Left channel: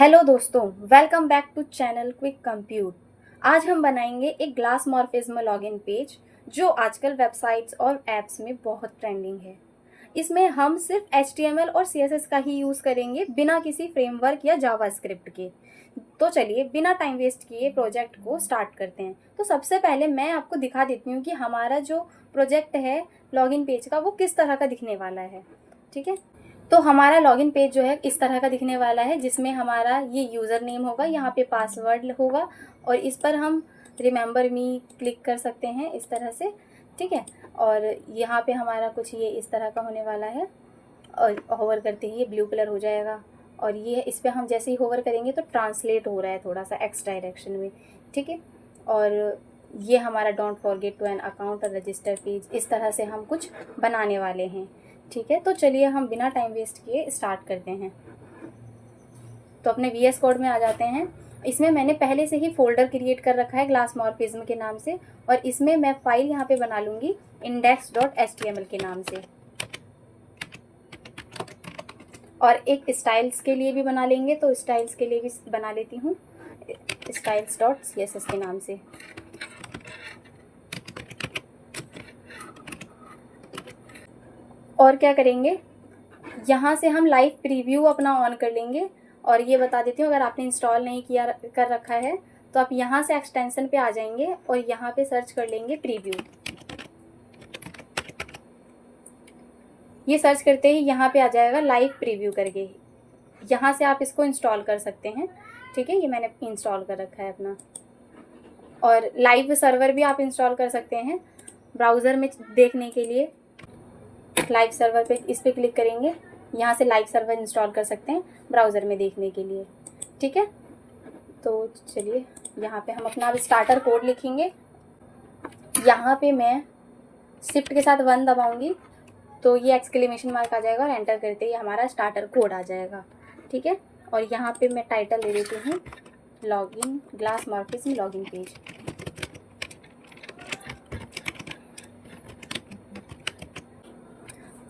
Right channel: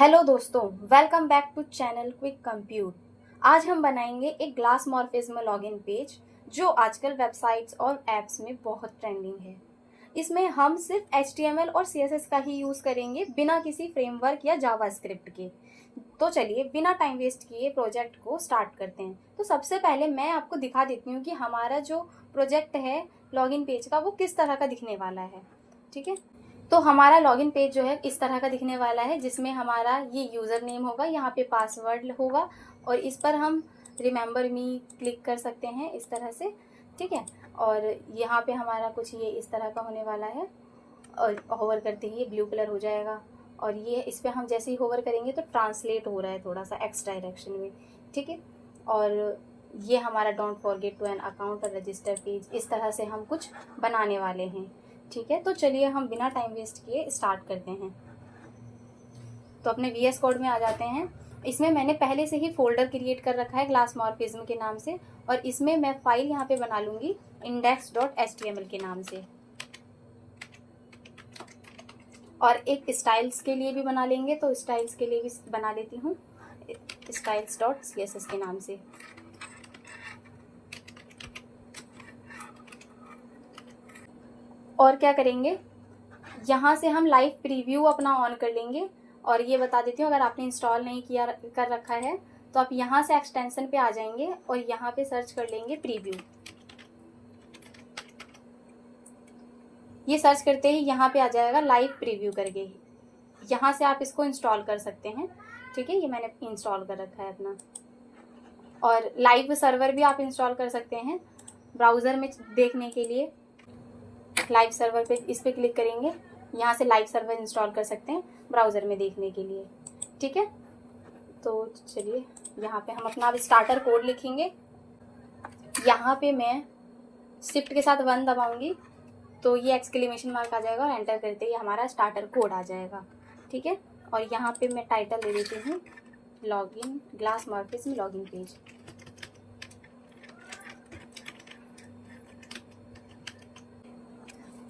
Hello दोस्तों, welcome back to channel quick compute. आज हम बनाएंगे एक ग्लास मॉर्फिज्म लॉगिन पेज जो आजकल वेबसाइट्स और एप्स में बहुत ट्रेंडिंग है। इसमें हम सिर्फ HTML और CSS का ही यूज़ करेंगे बिना किसी फ्रेमवर्क या जावास्क्रिप्ट के। तो चलिए बिना टाइम वेस्ट किए प्रोजेक्ट को स्टार्ट करते हैं। तो सबसे पहले मैं आपको दिखा देती हूँ कि हमारा जो प्रोजेक्ट है लॉगिन पेज का वो किस तरह का दिखने वाला है। ठीक है, तो हमारा लॉगिन पेज जो है इस तरह का दिखने वाला है, जिसमें हमारा ये यूज़र नेम होगा, यहाँ पे पासवर्ड होगा और इस पर हम रिमेंबर मी क्लिक कर सकते हैं इस तरह से। ठीक है, और यहाँ पे हमारा कुछ ये इस तरह का होने वाला है और होवर करते ही ब्लू कलर हो जाएगा और ये इस पर हम जैसे ही होवर करेंगे तो ट्रांसलेट हो रहा है थोड़ा सा एक्स डायरेक्शन में। ठीक है, और ये हमारा don't forget to an account और रजिस्टर पेज, इस तरह से हम कुछ बनाने वाले हैं। ठीक है, तो चलिए हम बिना टाइम वेस्ट किए स्टार्ट करते हैं। तो अपने VS कोड में आ जाते हैं। इसमें मैंने पहले से ही फोल्डर क्रिएट कर रखा है ग्लास मॉर्फिज्म के नाम से, और इसमें मैं फाइल यहाँ पे बना लूँगी index.html के नाम से, और एक स्टाइल्स के लिए भी बना लेंगे। तो स्टाइल्स के लिए भी बना लेती हूँ styles.css के नाम से। और क्या करेंगे, यहाँ से हम लाइव प्रीव्यू अपना ऑन कर लेंगे। और ये बता देती हूँ, अगर आपने इंस्टॉल नहीं किया कर रखा है तो आप यहाँ से एक्सटेंशन पे आ जाएंगे और यहाँ पे सर्च कर लेंगे प्रीव्यू। ये सर्च करते ही यहाँ पे आ जाएगा लाइव प्रीव्यू करके, यहाँ से आप इसको इंस्टॉल कर सकते हैं। ठीक है, ये मैंने इंस्टॉल कर रखा है अपना। और लाइव सर्वर भी आप इंस्टॉल कर सकते हैं ब्राउज़र में देखने के लिए। लाइव सर्वर पे इस पर क्लिक करेंगे, यहाँ से लाइव सर्वर इंस्टॉल कर सकते हैं ब्राउज़र में देखने के लिए। ठीक है, तो चलिए यहाँ पे हम अपना अब स्टार्टर कोड लिखेंगे। यहाँ पे मैं शिफ्ट के साथ 1 दबाऊंगी तो ये एक्सक्लेमेशन मार्क आ जाएगा और एंटर करते ही हमारा स्टार्टर कोड आ जाएगा। ठीक है, और यहाँ पे मैं टाइटल दे देती हूँ login glass morphism login page.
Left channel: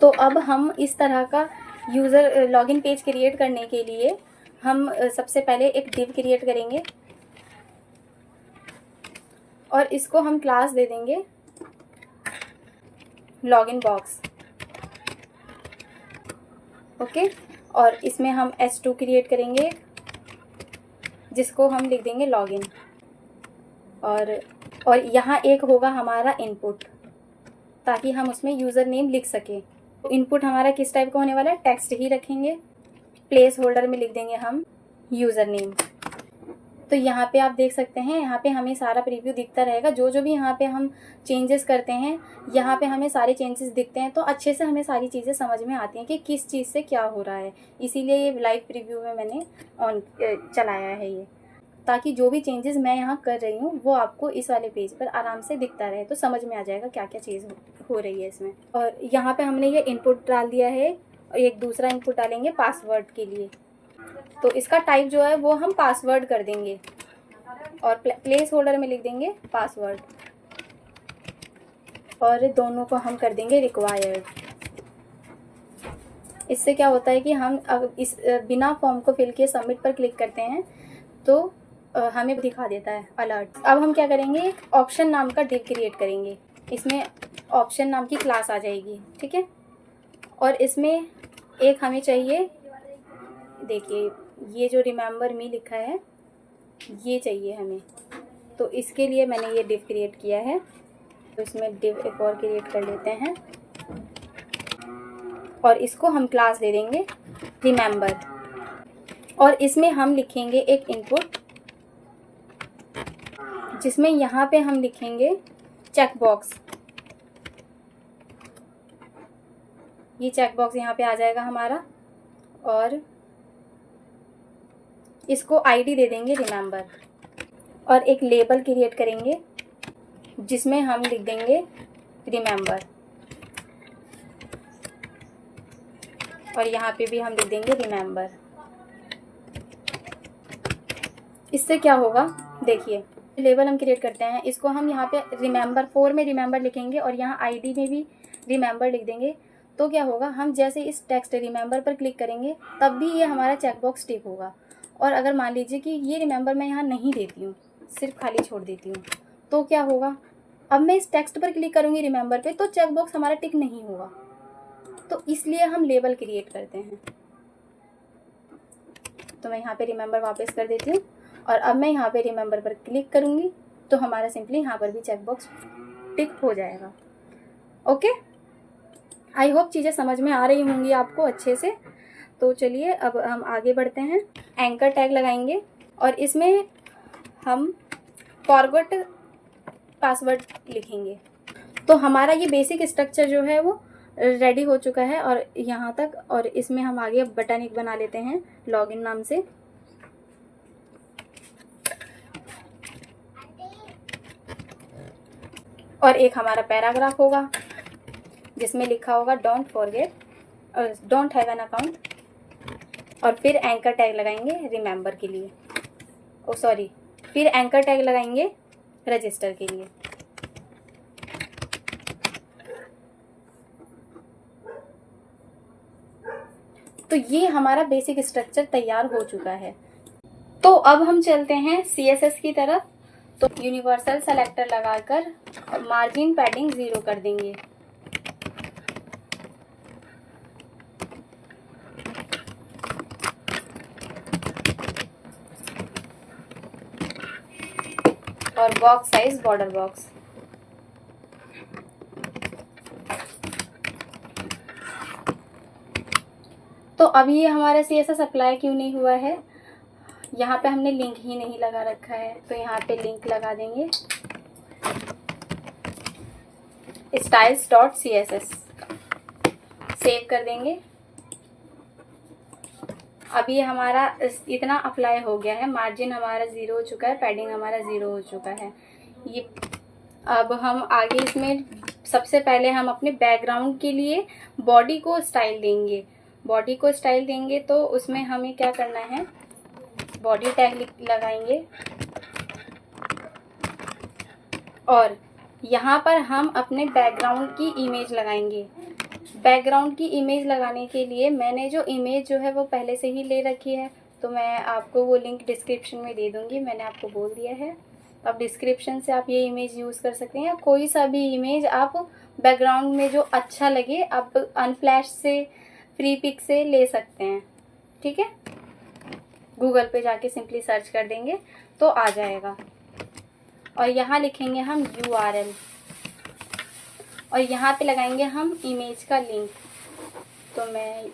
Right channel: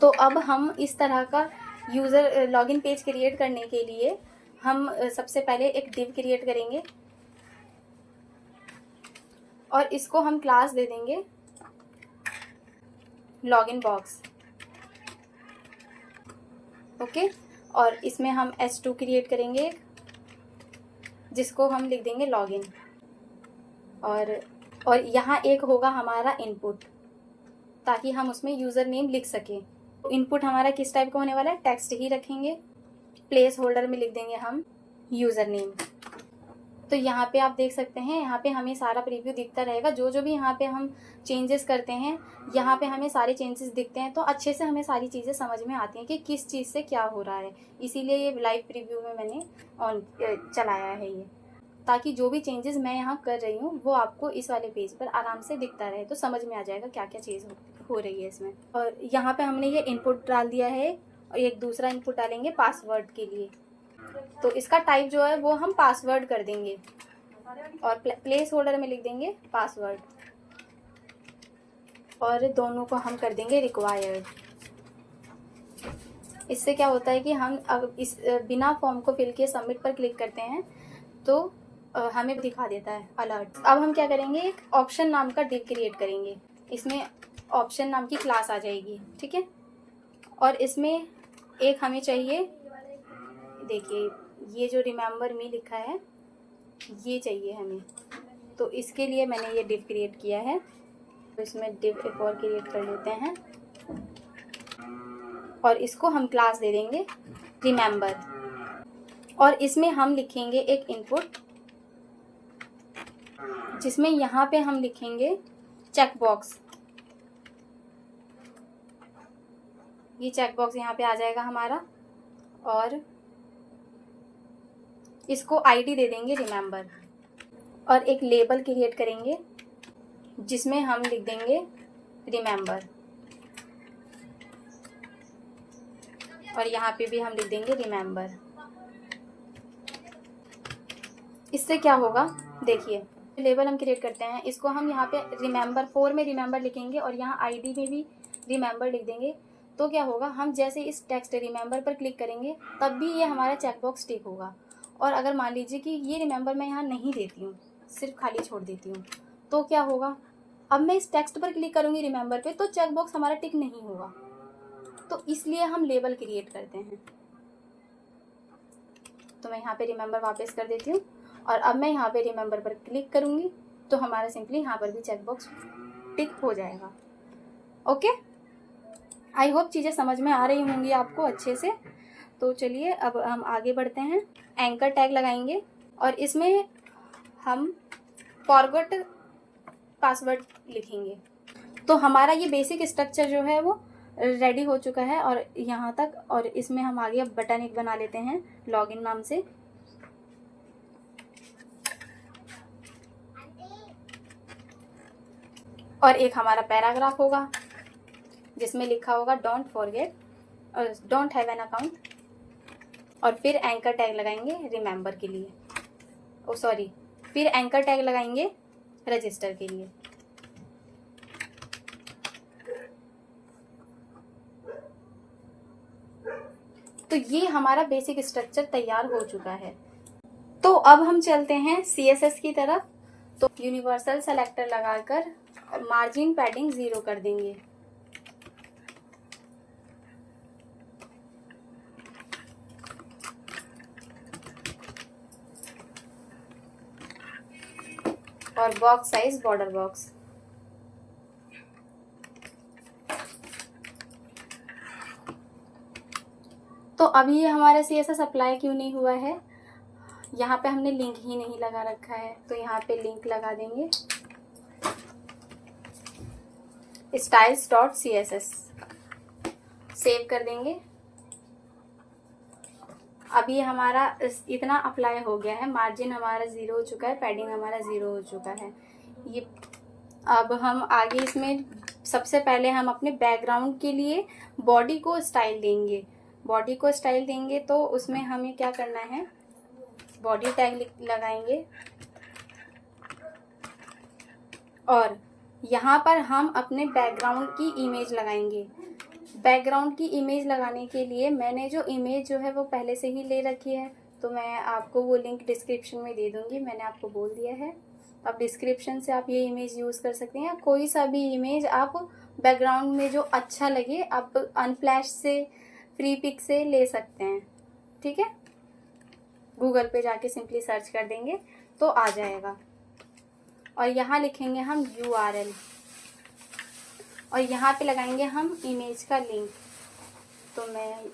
तो अब हम इस तरह का यूज़र लॉगिन पेज क्रिएट करने के लिए हम सबसे पहले एक डिव क्रिएट करेंगे और इसको हम क्लास दे देंगे लॉगिन बॉक्स। ओके, और इसमें हम S2 क्रिएट करेंगे जिसको हम लिख देंगे लॉगिन, और यहाँ एक होगा हमारा इनपुट ताकि हम उसमें यूज़र नेम लिख सकें। तो इनपुट हमारा किस टाइप का होने वाला है, टेक्स्ट ही रखेंगे। प्लेस होल्डर में लिख देंगे हम यूज़र नेम। तो यहाँ पे आप देख सकते हैं, यहाँ पे हमें सारा प्रीव्यू दिखता रहेगा। जो जो भी यहाँ पे हम चेंजेस करते हैं यहाँ पे हमें सारे चेंजेस दिखते हैं, तो अच्छे से हमें सारी चीज़ें समझ में आती हैं कि किस चीज़ से क्या हो रहा है। इसीलिए ये लाइव प्रीव्यू में मैंने चलाया है ये, ताकि जो भी चेंजेस मैं यहाँ कर रही हूँ वो आपको इस वाले पेज पर आराम से दिखता रहे, तो समझ में आ जाएगा क्या क्या चीज़ हो रही है इसमें। और यहाँ पे हमने ये इनपुट डाल दिया है और एक दूसरा इनपुट डालेंगे पासवर्ड के लिए। तो इसका टाइप जो है वो हम पासवर्ड कर देंगे और प्लेस होल्डर में लिख देंगे पासवर्ड, और दोनों को हम कर देंगे रिक्वायर्ड। इससे क्या होता है कि हम अगर इस बिना फॉर्म को फिल किए सबमिट पर क्लिक करते हैं तो हमें दिखा देता है अलर्ट। अब हम क्या करेंगे, एक ऑप्शन नाम का डिव क्रिएट करेंगे। इसमें ऑप्शन नाम की क्लास आ जाएगी। ठीक है, और इसमें एक हमें चाहिए, देखिए ये जो रिमेंबर मी लिखा है ये चाहिए हमें, तो इसके लिए मैंने ये डिव क्रिएट किया है। तो इसमें डिव एक और क्रिएट कर लेते हैं और इसको हम क्लास दे देंगे रिमेंबर, और इसमें हम लिखेंगे एक इनपुट जिसमें यहाँ पे हम लिखेंगे चेक बॉक्स। ये चेक बॉक्स यहाँ पे आ जाएगा हमारा, और इसको आईडी दे देंगे रिमेंबर, और एक लेबल क्रिएट करेंगे जिसमें हम लिख देंगे रिमेंबर, और यहाँ पे भी हम लिख देंगे रिमेंबर। इससे क्या होगा, देखिए लेबल हम क्रिएट करते हैं, इसको हम यहाँ पे रिमेंबर 4 में रिमेंबर लिखेंगे और यहाँ आईडी में भी रिमेंबर लिख देंगे। तो क्या होगा, हम जैसे इस टेक्स्ट रिमेंबर पर क्लिक करेंगे तब भी ये हमारा चेकबॉक्स टिक होगा, और अगर मान लीजिए कि ये रिमेंबर मैं यहाँ नहीं देती हूँ, सिर्फ खाली छोड़ देती हूँ, तो क्या होगा, अब मैं इस टेक्स्ट पर क्लिक करूँगी रिमेंबर पे तो चेक बॉक्स हमारा टिक नहीं होगा। तो इसलिए हम लेबल क्रिएट करते हैं। तो मैं यहाँ पे रिमेंबर वापस कर देती हूँ और अब मैं यहाँ पे रिमेंबर पर क्लिक करूँगी तो हमारा सिंपली यहाँ पर भी चेक बॉक्स टिक हो जाएगा। ओके, आई होप चीज़ें समझ में आ रही होंगी आपको अच्छे से। तो चलिए अब हम आगे बढ़ते हैं। एंकर टैग लगाएंगे और इसमें हम फॉरगॉट पासवर्ड लिखेंगे। तो हमारा ये बेसिक स्ट्रक्चर जो है वो रेडी हो चुका है और यहाँ तक, और इसमें हम आगे अब बटन एक बना लेते हैं लॉगिन नाम से। और एक हमारा पैराग्राफ होगा जिसमें लिखा होगा डोंट हैव एन अकाउंट, और फिर एंकर टैग लगाएंगे रिमेंबर के लिए, फिर एंकर टैग लगाएंगे रजिस्टर के लिए। तो ये हमारा बेसिक स्ट्रक्चर तैयार हो चुका है। तो अब हम चलते हैं CSS की तरफ। तो यूनिवर्सल सेलेक्टर लगाकर मार्जिन पैडिंग 0 कर देंगे। और बॉक्स साइज बॉर्डर बॉक्स। तो अभी ये हमारा CSS अप्लाई क्यों नहीं हुआ है, यहाँ पे हमने लिंक ही नहीं लगा रखा है। तो यहाँ पे लिंक लगा देंगे styles.css, सेव कर देंगे। अब ये हमारा इतना अप्लाई हो गया है, मार्जिन हमारा 0 हो चुका है, पैडिंग हमारा 0 हो चुका है। ये अब हम आगे इसमें सबसे पहले हम अपने बैकग्राउंड के लिए बॉडी को स्टाइल देंगे। बॉडी को स्टाइल देंगे तो उसमें हमें क्या करना है, बॉडी टैग लगाएंगे और यहाँ पर हम अपने बैकग्राउंड की इमेज लगाएंगे। बैकग्राउंड की इमेज लगाने के लिए मैंने जो इमेज जो है वो पहले से ही ले रखी है, तो मैं आपको वो लिंक डिस्क्रिप्शन में दे दूँगी, मैंने आपको बोल दिया है। अब डिस्क्रिप्शन से आप ये इमेज यूज़ कर सकते हैं, कोई सा भी इमेज आप बैकग्राउंड में जो अच्छा लगे आप अनफ्लैश से, फ्री पिक से ले सकते हैं। ठीक है, गूगल पे जाके सिंपली सर्च कर देंगे तो आ जाएगा। और यहाँ लिखेंगे हम URL और यहाँ पे लगाएंगे हम इमेज का लिंक। तो मैं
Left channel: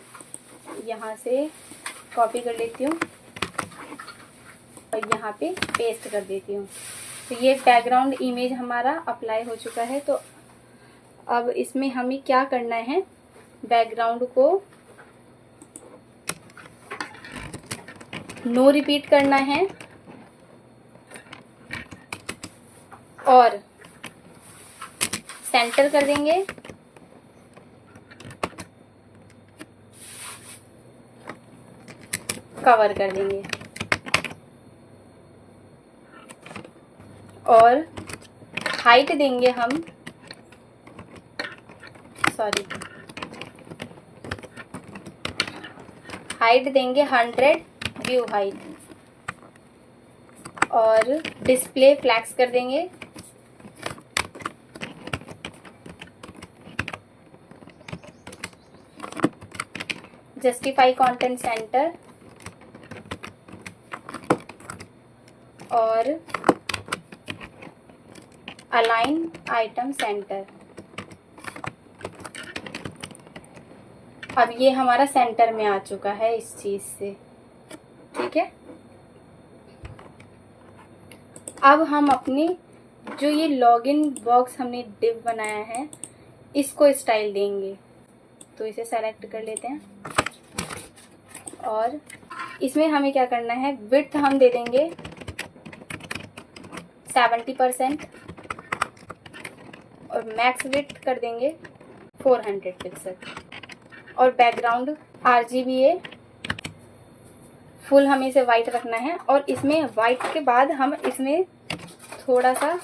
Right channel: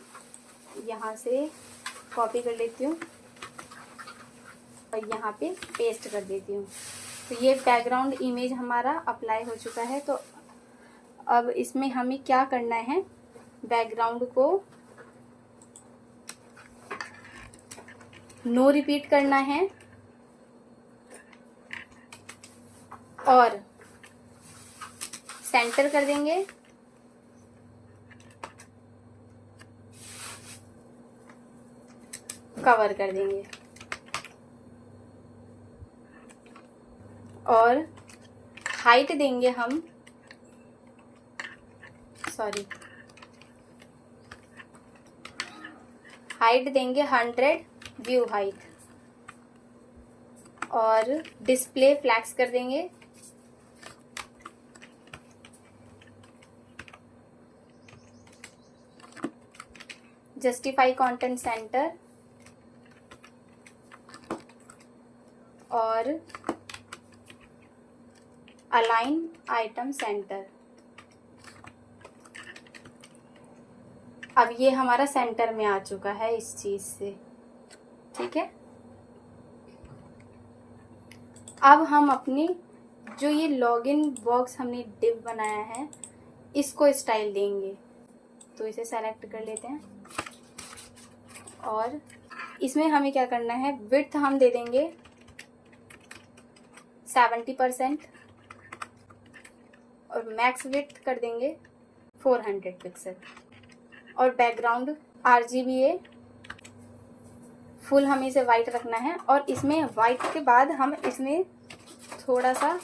यहाँ से कॉपी कर लेती हूँ और यहाँ पे पेस्ट कर देती हूँ। तो ये बैकग्राउंड इमेज हमारा अप्लाई हो चुका है। तो अब इसमें हमें क्या करना है, बैकग्राउंड को नो रिपीट करना है और सेंटर कर देंगे। कवर कर देंगे और हाइट देंगे हम, हाइट देंगे 100 व्यू हाइट और डिस्प्ले फ्लैक्स कर देंगे। जस्टिफाई कंटेंट सेंटर और अलाइन आइटम सेंटर। अब ये हमारा सेंटर में आ चुका है इस चीज से। ठीक है, अब हम अपनी जो ये लॉगिन बॉक्स हमने डिव बनाया है इसको स्टाइल देंगे। तो इसे सेलेक्ट कर लेते हैं और इसमें हमें क्या करना है, विड्थ हम दे देंगे 70% और मैक्स विड्थ कर देंगे 400 पिक्सल और बैकग्राउंड RGBA फुल हमें इसे वाइट रखना है। और इसमें वाइट के बाद हम इसमें थोड़ा सा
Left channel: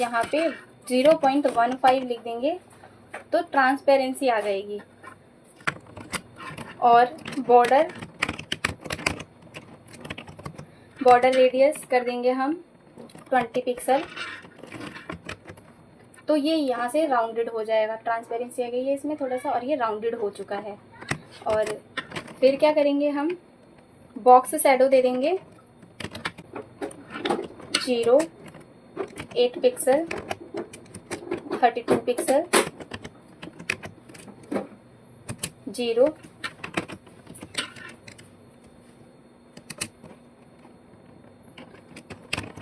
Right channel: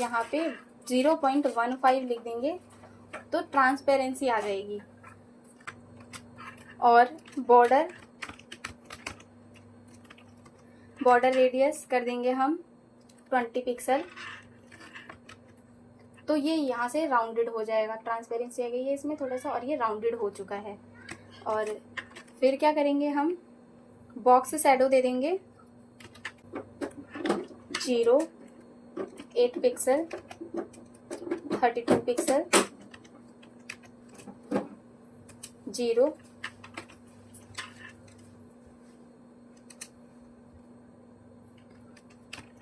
यहाँ पे 0.15 लिख देंगे तो ट्रांसपेरेंसी आ जाएगी। और बॉर्डर बॉर्डर रेडियस कर देंगे हम 20 पिक्सल। तो ये यहाँ से राउंडेड हो जाएगा, ट्रांसपेरेंसी आ गई है इसमें थोड़ा सा और ये राउंडेड हो चुका है। और फिर क्या करेंगे, हम बॉक्स शैडो दे देंगे 8 पिक्सल, 32 पिक्सल, 0,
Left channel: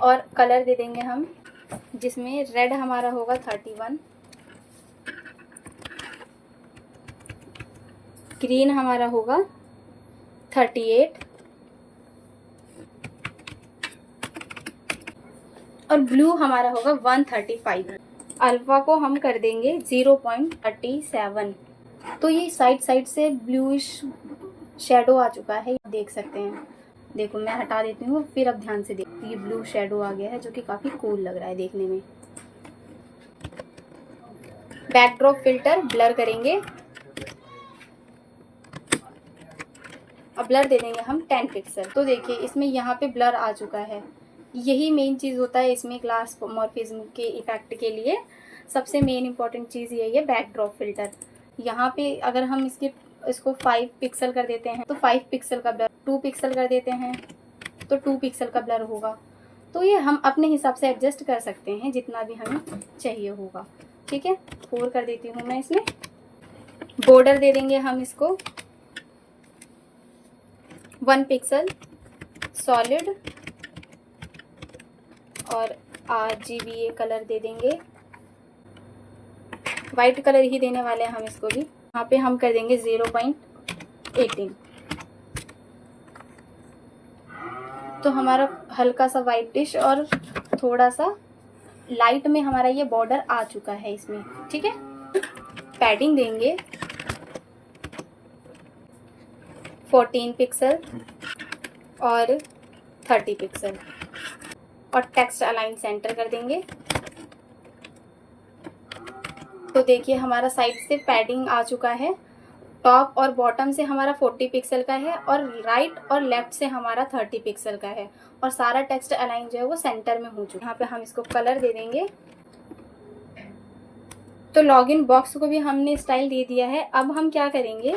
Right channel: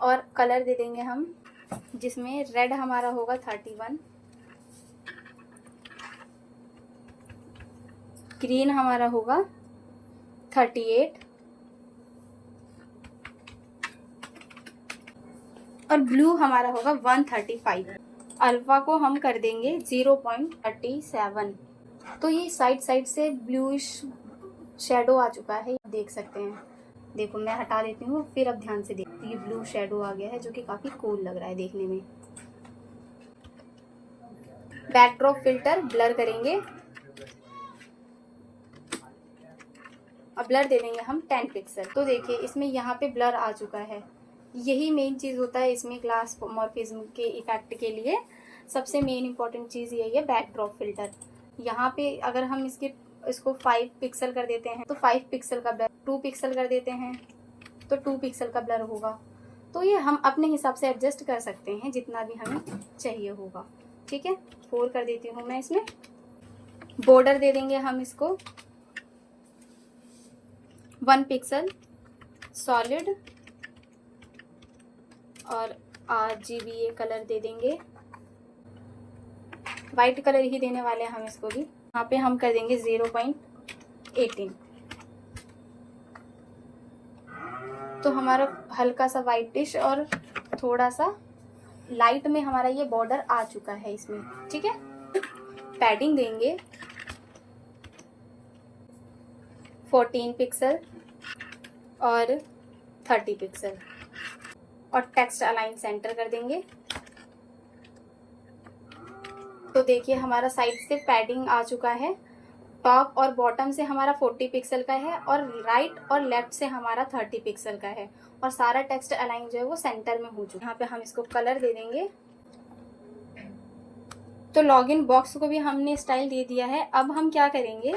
और कलर दे देंगे हम, जिसमें रेड हमारा होगा 31, ग्रीन हमारा होगा 38 और ब्लू हमारा होगा 135। अल्फा को हम कर देंगे 0.37। तो ये साइड साइड से ब्लूइश शेडो आ चुका है, देख सकते हैं। देखो मैं हटा देती हूँ, फिर अब ध्यान से देखो, ये ब्लू शेडो आ गया है जो कि काफ़ी कूल लग रहा है देखने में। बैकड्रॉप फिल्टर ब्लर करेंगे, अब ब्लर दे देंगे हम 10 पिक्सल। तो देखिए इसमें यहाँ पे ब्लर आ चुका है। यही मेन चीज़ होता है इसमें ग्लास मॉर्फिज्म के इफेक्ट के लिए। सबसे मेन इंपॉर्टेंट चीज़ यही है बैकड्रॉप फिल्टर। यहाँ पे अगर हम इसको 5 पिक्सल कर देते हैं तो 5 पिक्सल का ब्लर, 2 पिक्सल कर देते हैं तो 2 पिक्सल का ब्लर होगा। तो ये हम अपने हिसाब से एडजस्ट कर सकते हैं जितना भी हमें चाहिए होगा। ठीक है, 4 कर देती हूँ मैं इसमें। बॉर्डर दे देंगे हम इसको 1 पिक्सल सॉलिड और RGB कलर दे देंगे, वाइट कलर ही देने वाले हैं हम इसको भी। यहाँ पे हम कर देंगे 0.18। तो हमारा हल्का सा वाइटिश और थोड़ा सा लाइट में हमारा ये बॉर्डर आ चुका है इसमें। ठीक है, पैडिंग देंगे 14 पिक्सल और 30 पिक्सल और टेक्स्ट अलाइन सेंटर कर देंगे। तो देखिए हमारा साइड से पैडिंग आ चुका है। टॉप और बॉटम से हमारा 40 पिक्सल का है और राइट और लेफ्ट से हमारा 30 पिक्सल का है और सारा टेक्स्ट अलाइन जो है वो सेंटर में हो चुका है। यहाँ पे हम इसको कलर दे देंगे। तो लॉगिन बॉक्स को भी हमने स्टाइल दे दिया है। अब हम क्या करेंगे,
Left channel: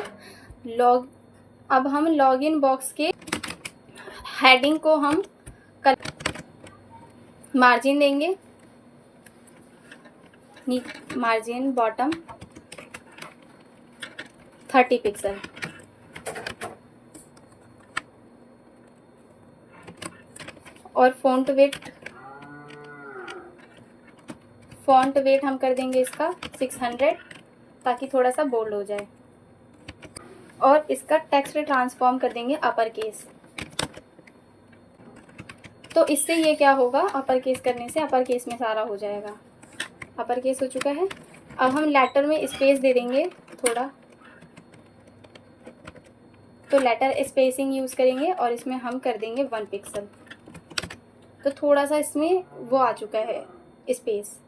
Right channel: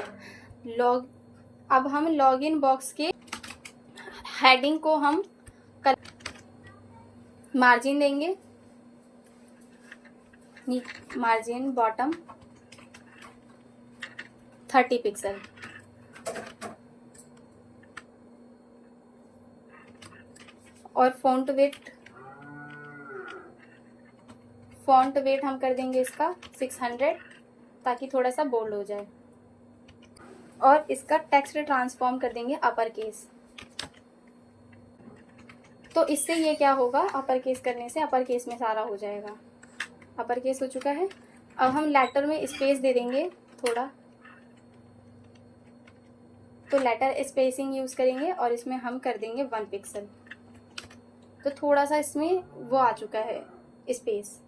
अब हम लॉगिन बॉक्स के हेडिंग को हम मार्जिन देंगे, मार्जिन बॉटम 30 पिक्सल और फॉन्ट वेट हम कर देंगे इसका 600 ताकि थोड़ा सा बोल्ड हो जाए। और इसका टेक्स्ट ट्रांसफॉर्म कर देंगे अपर केस। तो इससे ये क्या होगा, अपर केस करने से अपर केस में सारा हो जाएगा। अपर केस हो चुका है। अब हम लेटर में स्पेस दे देंगे थोड़ा, तो लेटर स्पेसिंग यूज करेंगे और इसमें हम कर देंगे 1 पिक्सल। तो थोड़ा सा इसमें वो आ चुका है स्पेस।